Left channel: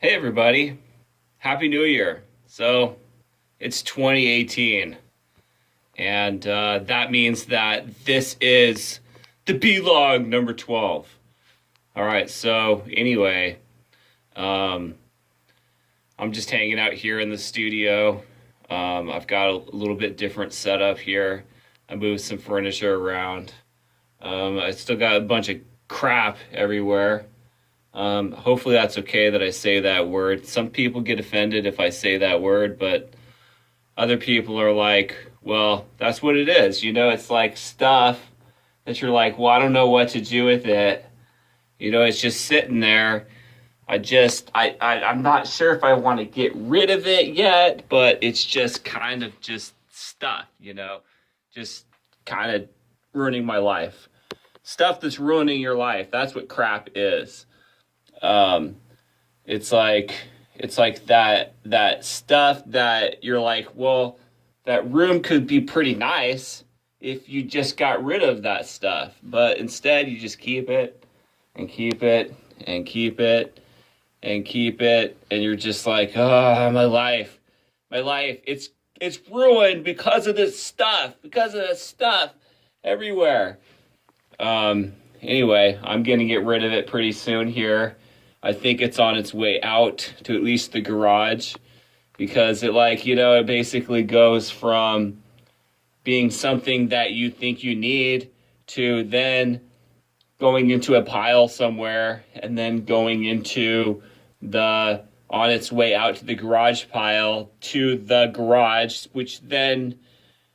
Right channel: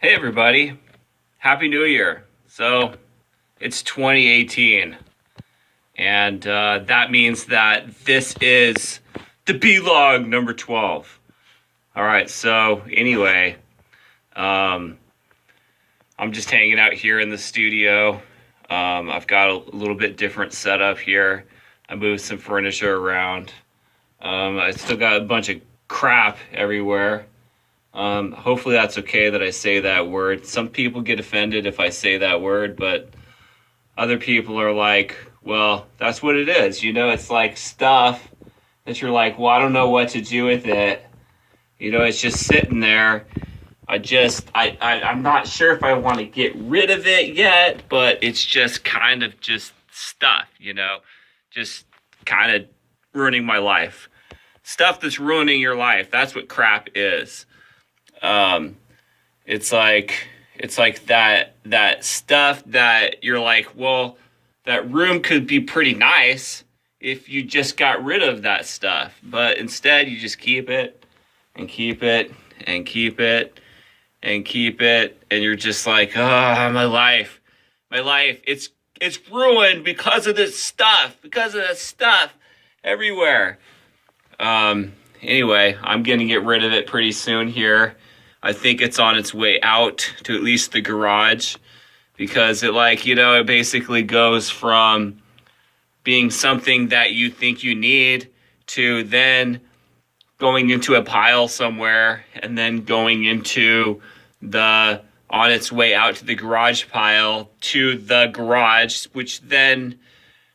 Hey everybody, Happy New Year. So it's 2018, and that means that this is the B-Log number 12. All right, so anyway, um, I'm just hanging out here in the studio. I've got a little bit different setup here. I moved some furniture around. I still got a bunch of crap everywhere. Hopefully that's okay that I say that word. Some people get offended if I say that word, but other people are like, well, that's what it is. It's like stuff that you're like, well, I don't know what to do with it. It's just sitting there. I'm not sure if I want to get rid of it yet, but it's just kind of just stuff, just kind of ruining my life. Stuff that's ruining your life. That's what crap is. Um, it's like that stuff that you're like, well, that room could be pretty nice if you just got rid of that stuff. But instead you just keep it and keep it and keep it and keep it, and you're just like, oh, my life. It's ruined because of this stuff everywhere. Anyway, I'm gonna get rid of it pretty soon here. I think it's on its way out to at least the garage because it basically goes from being something that you think you need to then going into a pile somewhere and then going into the on its way out to the garage pile to the garage, which then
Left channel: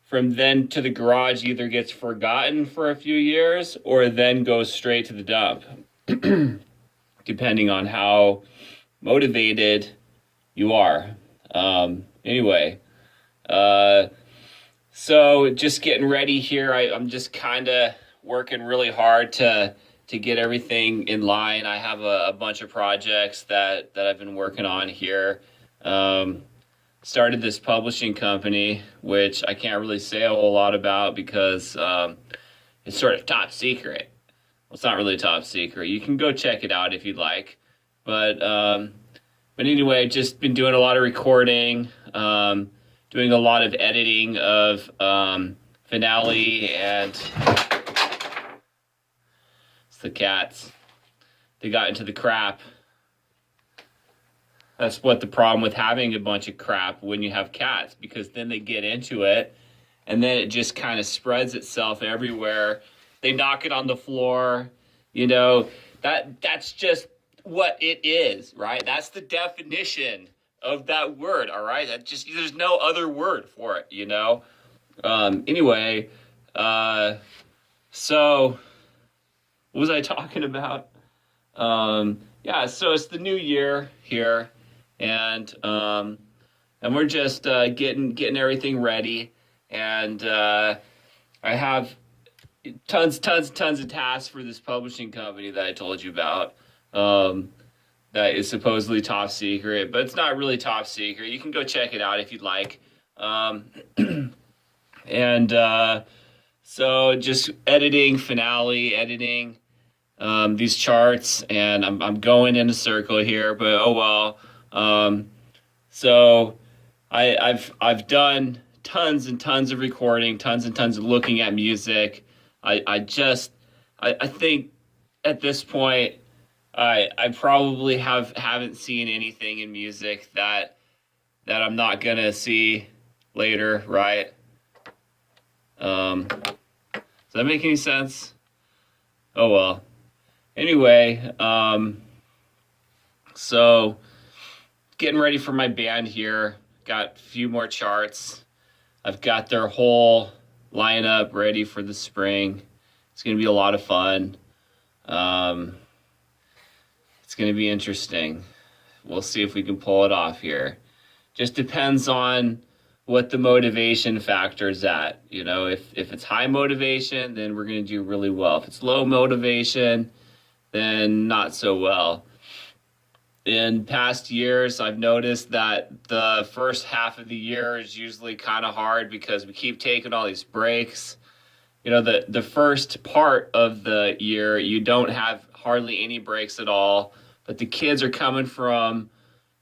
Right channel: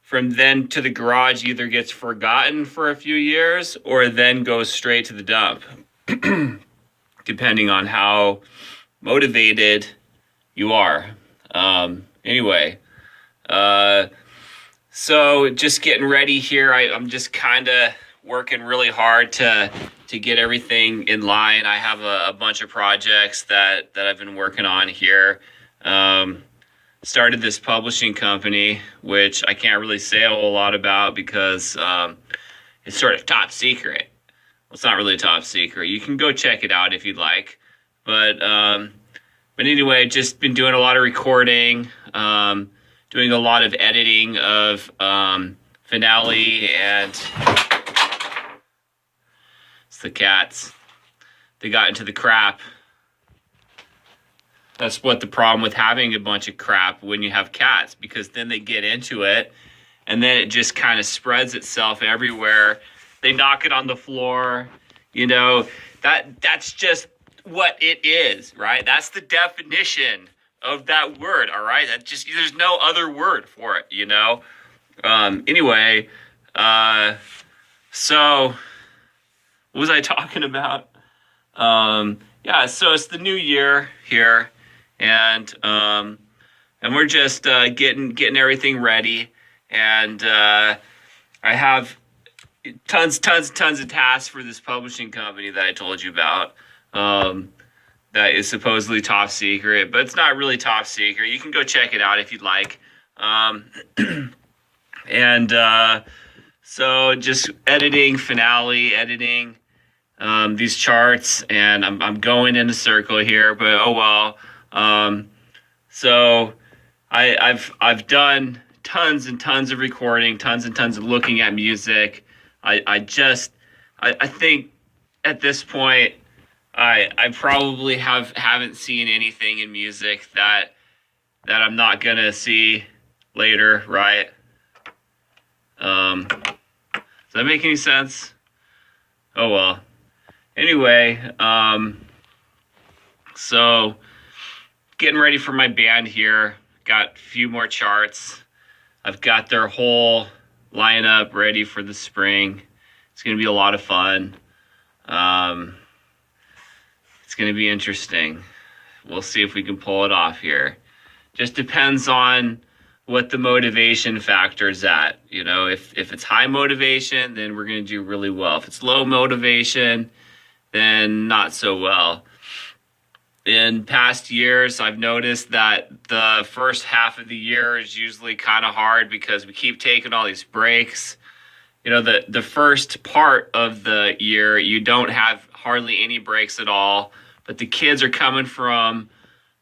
from then to the garage either gets forgotten for a few years or then goes straight to the dump, depending on how motivated you are. Anyway, so just getting ready here. I'm just kind of working really hard to get everything in line. I have a bunch of projects that I've been working on here. Started this publishing company, which I can't really say a whole lot about because it's sort of top secret. Well, it's not really top secret. You can go check it out if you'd like. But anyway, just been doing a lot of recording, doing a lot of editing of Finale, and it's the cats. They got into the crap. That's what the problem with having a bunch of crap when you have cats, because then they get into it and then it just kind of spreads itself everywhere. They knock it on the floor, that's just what it is, right? That's the definition of that word, all right? There's no other word for it, Anyway, so what was I talking about? Yeah, so it's the new year here, and we're just getting everything ready, and I have tons of tasks for this publishing company that I told you about. That is supposedly top secret, but it's not really top secret. You can go check it out if you'd like. And so just editing Finale, editing these charts, and I'm going in a circle here, but oh well. So I've done tons and tons of recording, tons and tons of looking at music. I think at this point I probably haven't seen anything in music that I'm not gonna see later, right? Does that make any sense? Oh well. Anyway, so getting ready for my band here. Got a few more charts. I've got their whole lineup ready for the spring. It's going to be a lot of fun. It's going to be interesting. We'll see if we can pull it off here. Just depends on what the motivation factor is at. If it's high motivation, then we're going to do really well. If it's low motivation, then not so well. In past years, I've noticed that the first half of the year is usually kind of hard because we keep taking all these breaks. The first part of the year, you don't have hardly any breaks at all, but the kids are coming from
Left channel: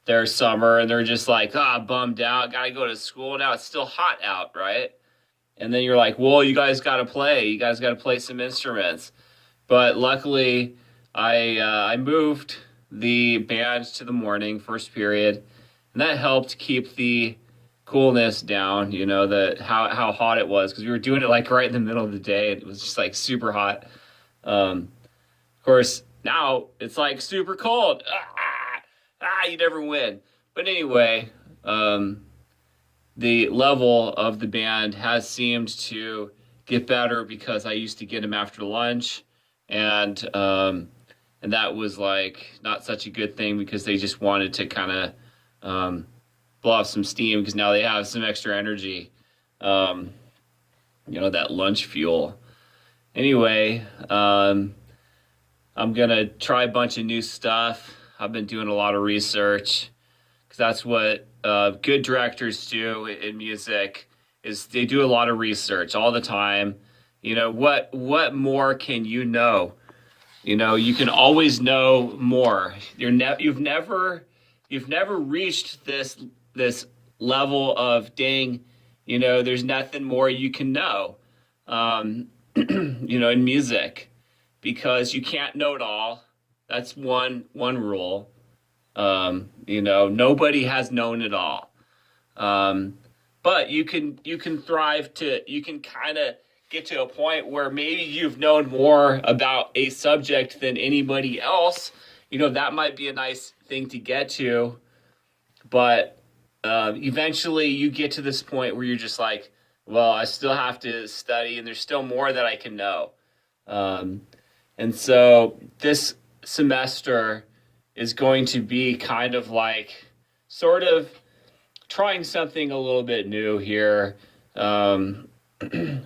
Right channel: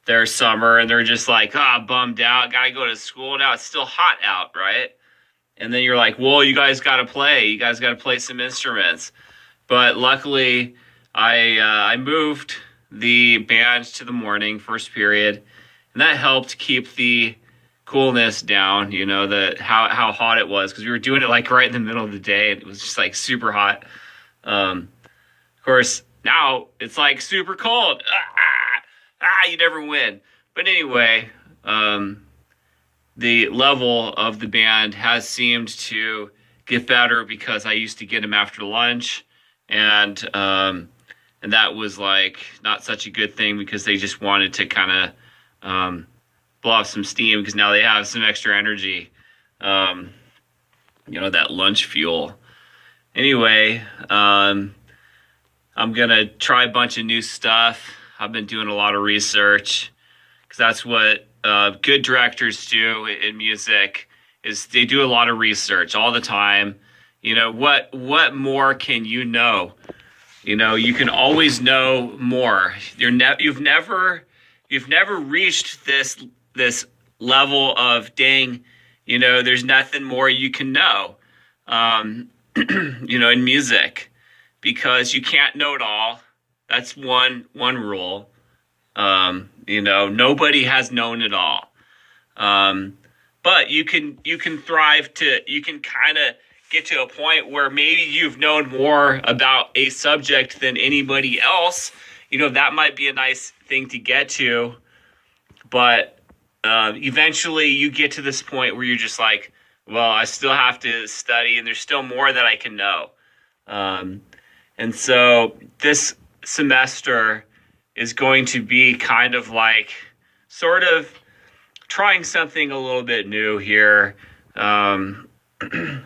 their summer and they're just like, bummed out, gotta go to school now. It's still hot out, right? And then you're like, well, you guys gotta play. You guys gotta play some instruments. But luckily, I moved the band to the morning, first period, and that helped keep the coolness down. You know, the how hot it was, because we were doing it like right in the middle of the day, and it was just like super hot. Of course, now it's like super cold. You never win. But anyway, the level of the band has seemed to get better because I used to get them after lunch, and that was like not such a good thing because they just wanted to kind of blow off some steam because now they have some extra energy, that lunch fuel. Anyway, I'm gonna try a bunch of new stuff. I've been doing a lot of research because that's what good directors do in music, is they do a lot of research all the time. You know, what more can you know? You know, you can always know more. You've never reached this level of dang, there's nothing more you can know. In music, because you can't know it all. That's one rule. Nobody has known it all. But you can thrive you can kind of get to a point where maybe you've known more about a subject than anybody else. That might be a nice thing to get to. But eventually you get to this point where you're just like, well, I still have to study and there's still more that I can know. And so this semester is going to be kind of like sort of trying something a little bit new here.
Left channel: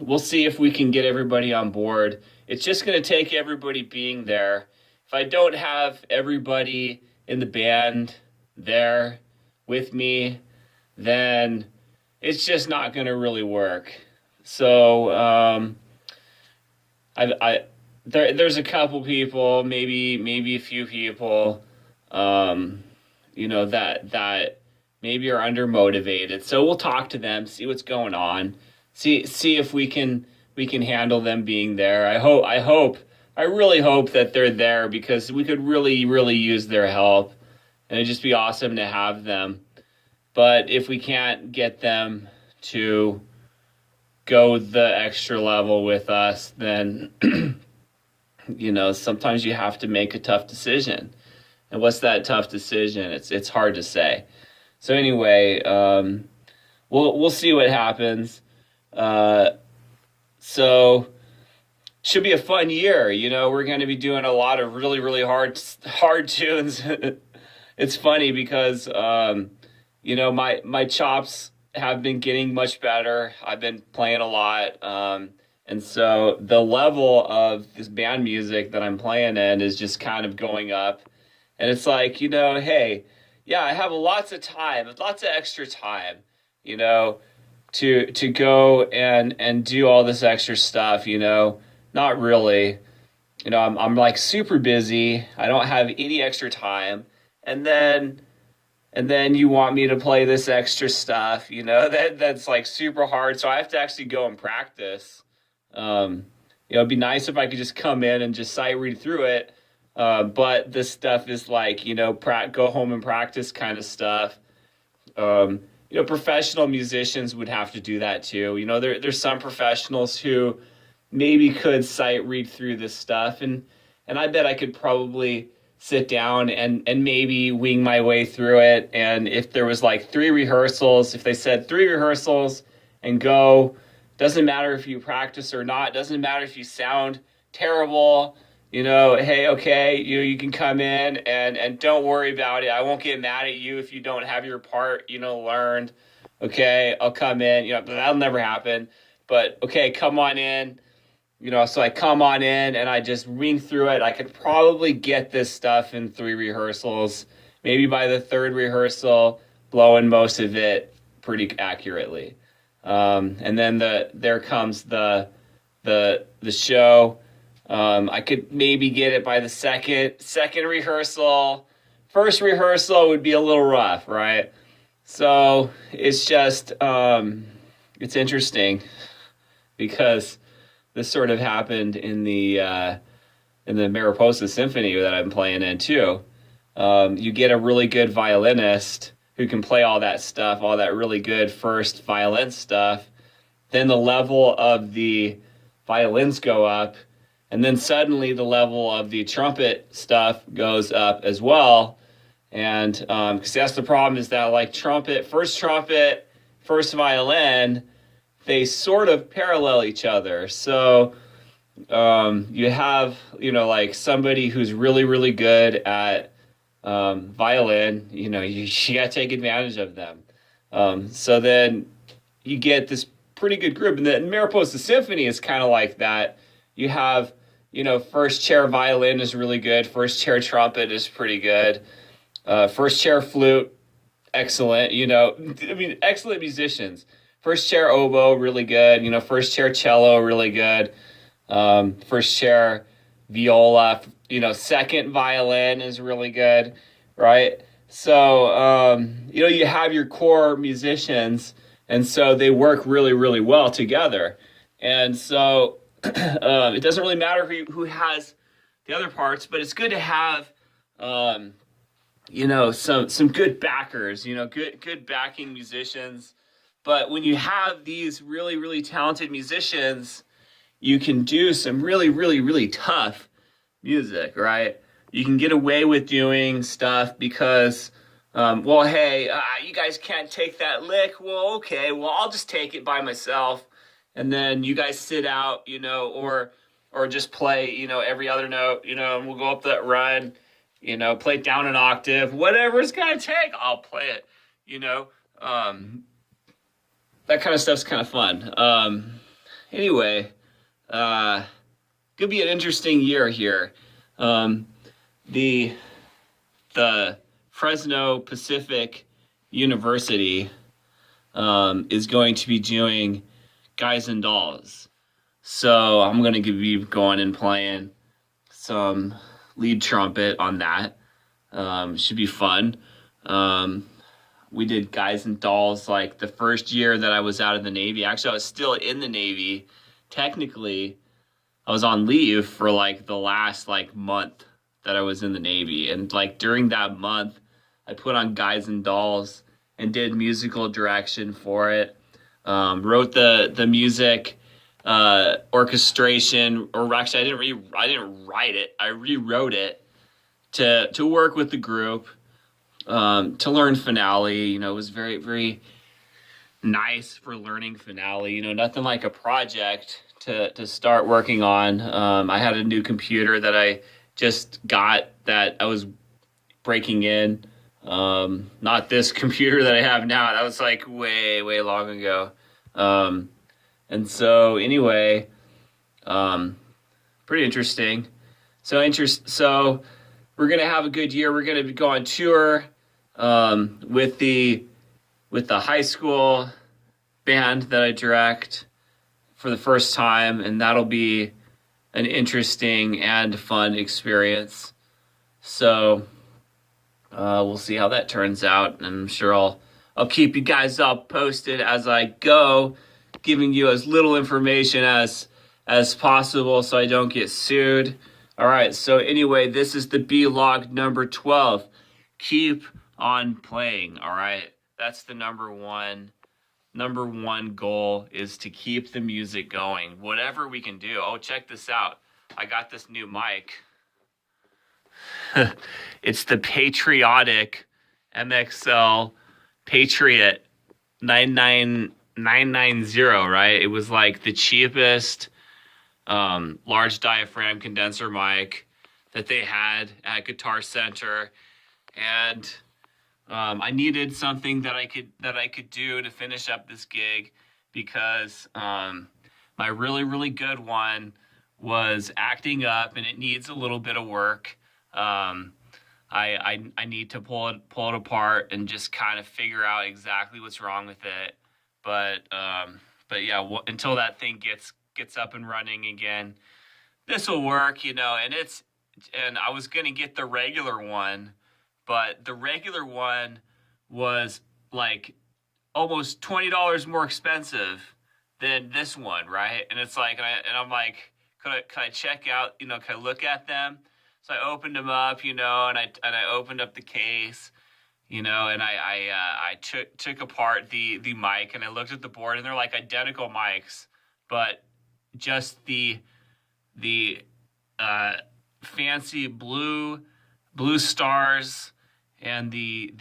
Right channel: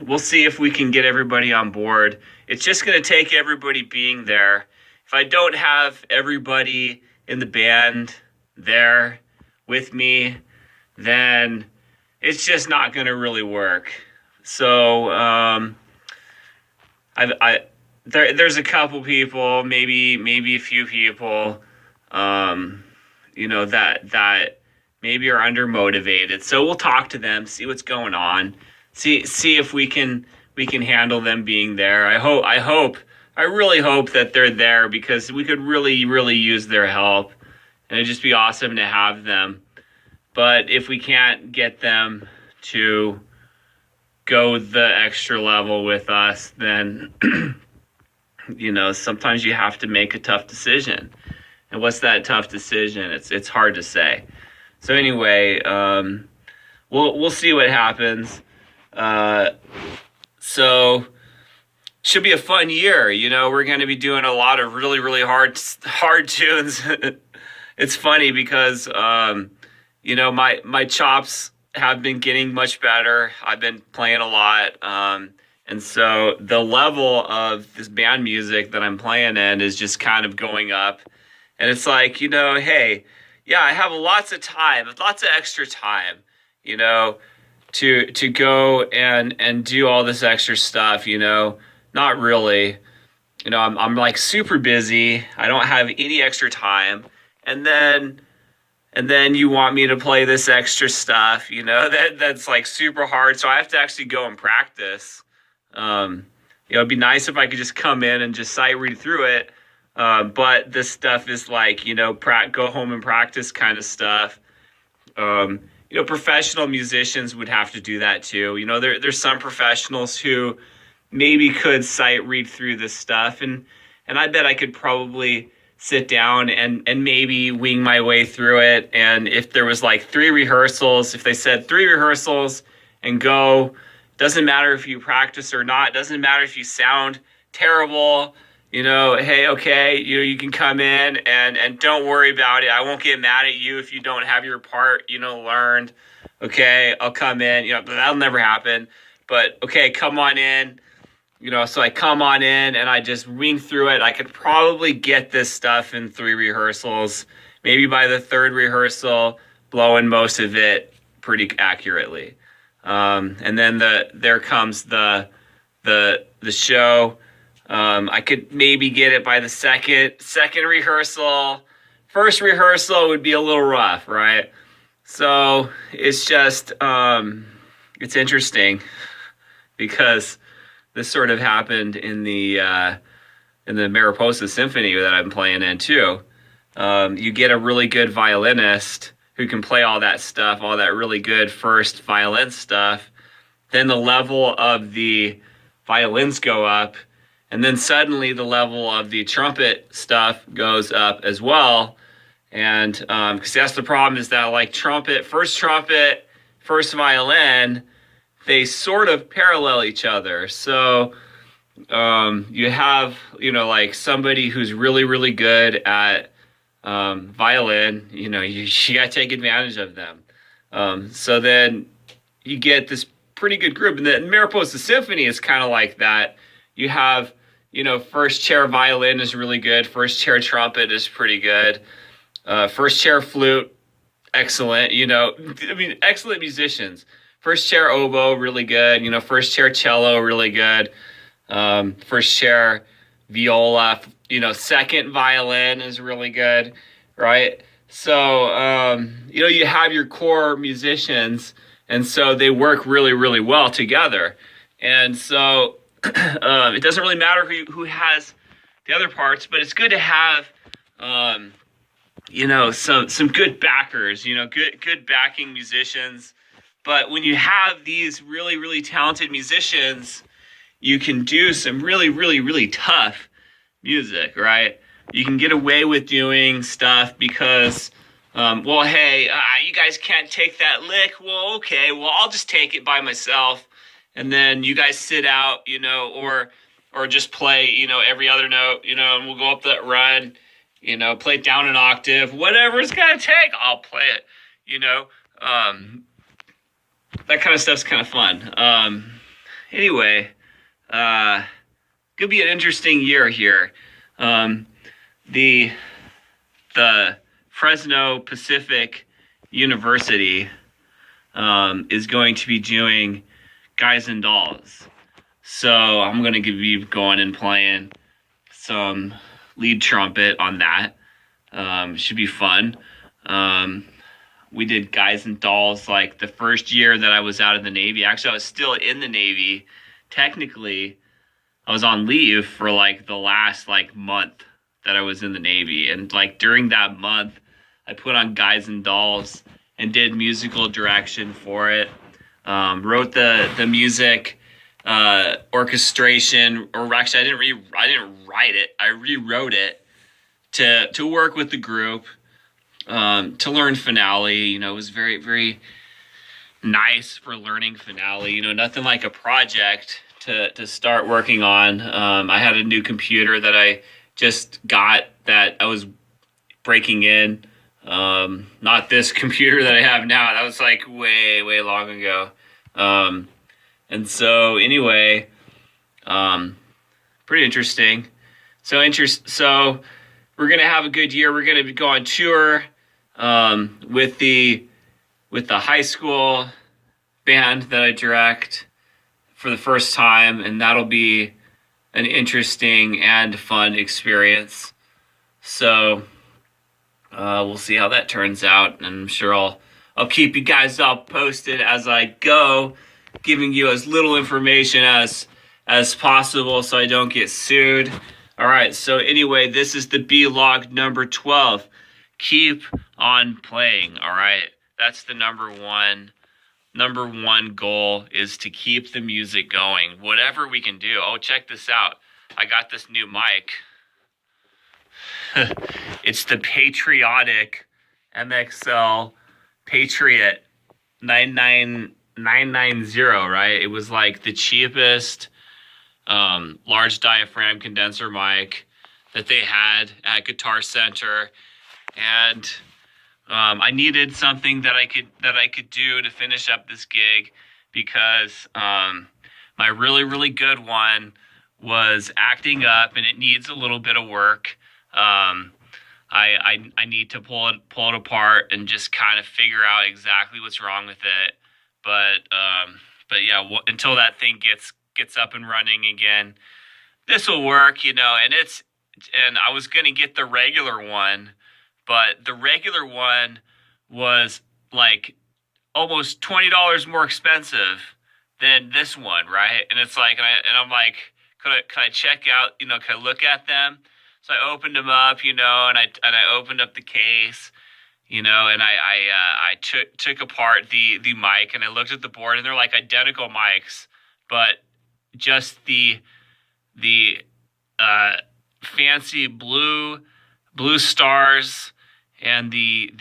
We'll see if we can get everybody on board. It's just going to take everybody being there. If I don't have everybody in the band there with me, then it's just not going to really work. So there's a couple people, maybe a few people, that maybe are undermotivated. So we'll talk to them, see what's going on, see if we can handle them being there. I really hope that they're there because we could really, really use their help, and it'd just be awesome to have them. But if we can't get them to go the extra level with us, then sometimes you have to make a tough decision. And what's that tough decision? It's hard to say. So anyway, we'll see what happens. So should be a fun year. We're going to be doing a lot of really, really hard tunes. It's funny because my chops have been getting much better. I've been playing a lot. And so the level of this band music that I'm playing in is just kind of going up. And it's like, hey, yeah, I have lots of extra time, to go and do all this extra stuff, not really. I'm like super busy. I don't have any extra time. And then you want me to play this extra stuff, that's like super hard. So I have to actually go and practice. It'd be nice if I could just come in and just sight read through it. But this stuff is like, go home and practice kind of stuff. Professional musicians would have to do that too. There's some professionals who maybe could sight read through this stuff. And I bet I could probably sit down and maybe wing my way through it. And if there was like 3 rehearsals, if they said 3 rehearsals and go, doesn't matter if you practice or not, doesn't matter if you sound terrible, hey, okay, you can come in and don't worry about it. I won't get mad at you if you don't have your part, learned. Okay, I'll come in, that'll never happen. But okay, come on in. So I come on in and I just wing through it. I could probably get this stuff in 3 rehearsals. Maybe by the 3rd rehearsal, blowing most of it pretty accurately. And then there comes the show. I could maybe get it by the second rehearsal, first rehearsal would be a little rough, right? So it's just, it's interesting because this sort of happened in the Mariposa Symphony that I'm playing in too. You get a really good violinist who can play all that stuff, all that really good first violin stuff. Then the level of the violins go up, and then suddenly the level of the trumpet stuff goes up as well. And because that's the problem, is that like trumpet, first violin, they sort of parallel each other. So you have, like somebody who's really, really good at violin, you got to take advantage of them. So then you get this pretty good group. And the Mariposa Symphony is kind of like that. You have, first chair violin is really good. First chair trumpet is pretty good. First chair flute, excellent. Excellent musicians. First chair oboe, really good. First chair cello, really good. First chair viola, second violin is really good, right? So, you have your core musicians, and so they work really, really well together. And so it doesn't really matter who has the other parts, but it's good to have, some good backers, good backing musicians. But when you have these really, really talented musicians, you can do some really, really, really tough music, right? You can get away with doing stuff because, you guys can't take that lick. Well, okay, I'll just take it by myself. And then you guys sit out, or just play, every other note, and we'll go up that run, play it down an octave, whatever it's going to take, I'll play it, that kind of stuff's kind of fun. Anyway, could be an interesting year here. The Fresno Pacific University is going to be doing Guys and Dolls. So I'm going to be going and playing some lead trumpet on that. Should be fun. We did Guys and Dolls like the first year that I was out of the Navy. Actually, I was still in the Navy. Technically, I was on leave for like the last month that I was in the Navy. And during that month, I put on Guys and Dolls and did musical direction for it. Wrote the music, orchestration, or actually I didn't write it. I rewrote it to work with the group, to learn finale. It was very, very nice for learning finale. Nothing like a project to start working on. I had a new computer that I just got that I was breaking in. Not this computer that I have now. That was way, way long ago. And so anyway, pretty interesting. So we're going to have a good year. We're going to go on tour, with the high school band that I direct for the first time. And that'll be an interesting and fun experience. So, we'll see how that turns out, and I'm sure I'll keep you guys all posted as I go, giving you as little information as possible so I don't get sued. All right, so anyway, this is the B-Log number 12. Keep on playing, all right? That's the number one goal, is to keep the music going, whatever we can do. Oh, check this out. I got this new mic. It's the Patriotic MXL Patriot 990, right? It was the cheapest large diaphragm condenser mic that they had at Guitar Center, and I needed something that I could do to finish up this gig, because my really, really good one was acting up and it needs a little bit of work. I need to pull it apart and just kind of figure out exactly what's wrong with it. But yeah, until that thing gets up and running again, this will work, and I was going to get the regular one, but the regular one was like almost $20 more expensive than this one, right? And it's like, and I'm like, could I check out, could I look at them? So I opened them up, and I opened up the case, and I took apart the mic, and I looked at the board, and they're like identical mics, but just the fancy blue stars and the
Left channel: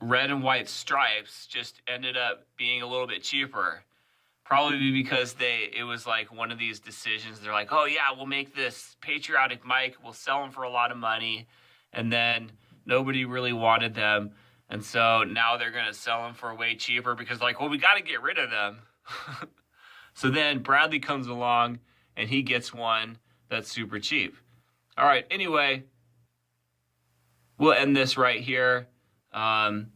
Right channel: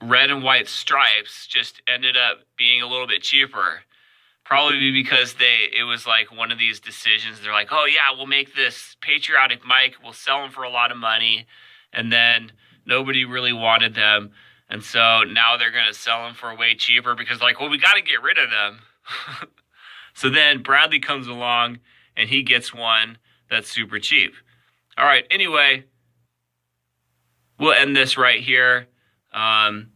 red and white stripes just ended up being a little bit cheaper. Probably because it was like one of these decisions. They're like, oh yeah, we'll make this patriotic mic. We'll sell them for a lot of money. And then nobody really wanted them. And so now they're going to sell them for way cheaper because we got to get rid of them. So then Bradley comes along and he gets one that's super cheap. All right. Anyway, we'll end this right here. And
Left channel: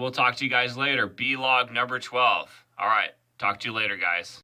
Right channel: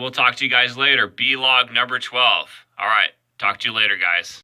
we'll talk to you guys later. B-Log number 12. All right. Talk to you later, guys.